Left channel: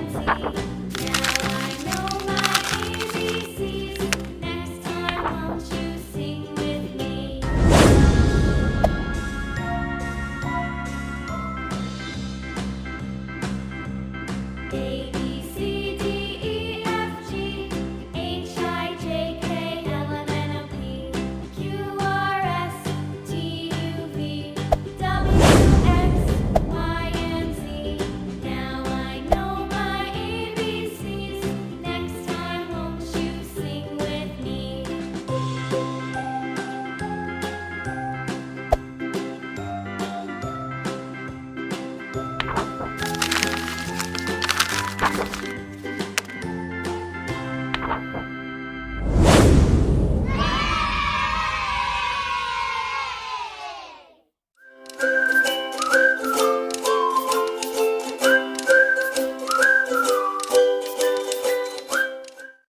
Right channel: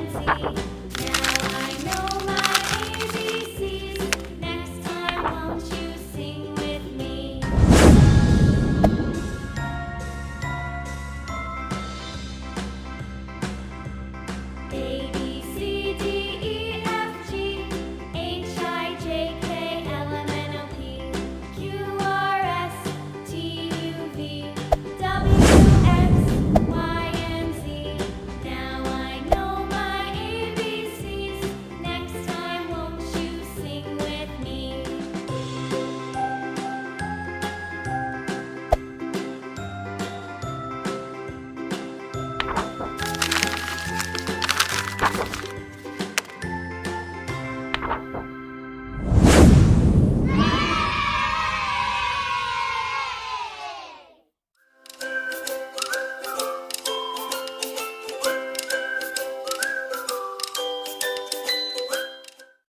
and Z. Now I know my ABCs. Next time, won't you sing with me? A, B, C, D, E, F, G, H, I, J, K, L, M, N, O, P, Q, R, S, T, U, V, W, X, Y, and Z. Now I know my ABCs. Next time, won't you sing with me?